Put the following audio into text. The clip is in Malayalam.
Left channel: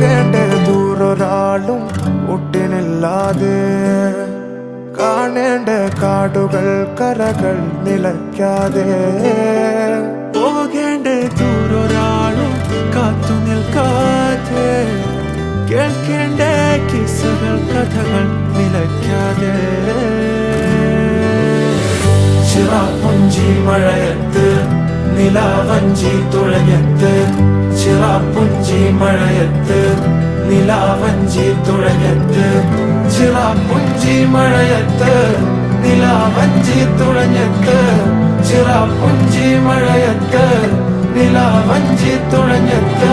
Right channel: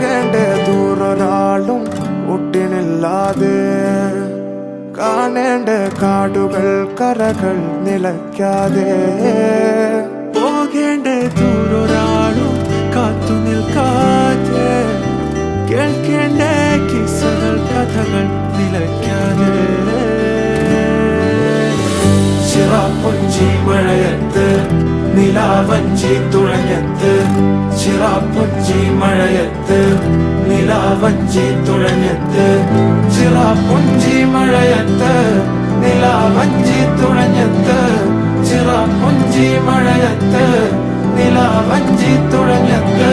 പോകേണ്ട ദൂരൊരാളും ഒട്ടിനില്ലാതെ കാണേണ്ട കാടുകൾ കരകൾ നിലയ്ക്കാതെ പോകേണ്ട ദൂരൊരാളും കാത്തു നിൽക്കാതെ കേൾക്കേണ്ട കിസ്സകൾ കഥകൾ നിലയ്ക്കാതെ ചിറാപ്പുഞ്ചി മഴയത്ത് നിലാവഞ്ചി തുഴഞ്ഞത്ത് ചിറാപ്പുഞ്ചി മഴയത്ത് നിലാവഞ്ചി തുഴഞ്ഞത്ത് ചിറാപ്പുഞ്ചി മഴയത്ത് നിലാവഞ്ചി തുഴഞ്ഞത്ത് ചിറാപ്പുഞ്ചി മഴയത്ത് നിലാവഞ്ചി തുഴഞ്ഞത്ത്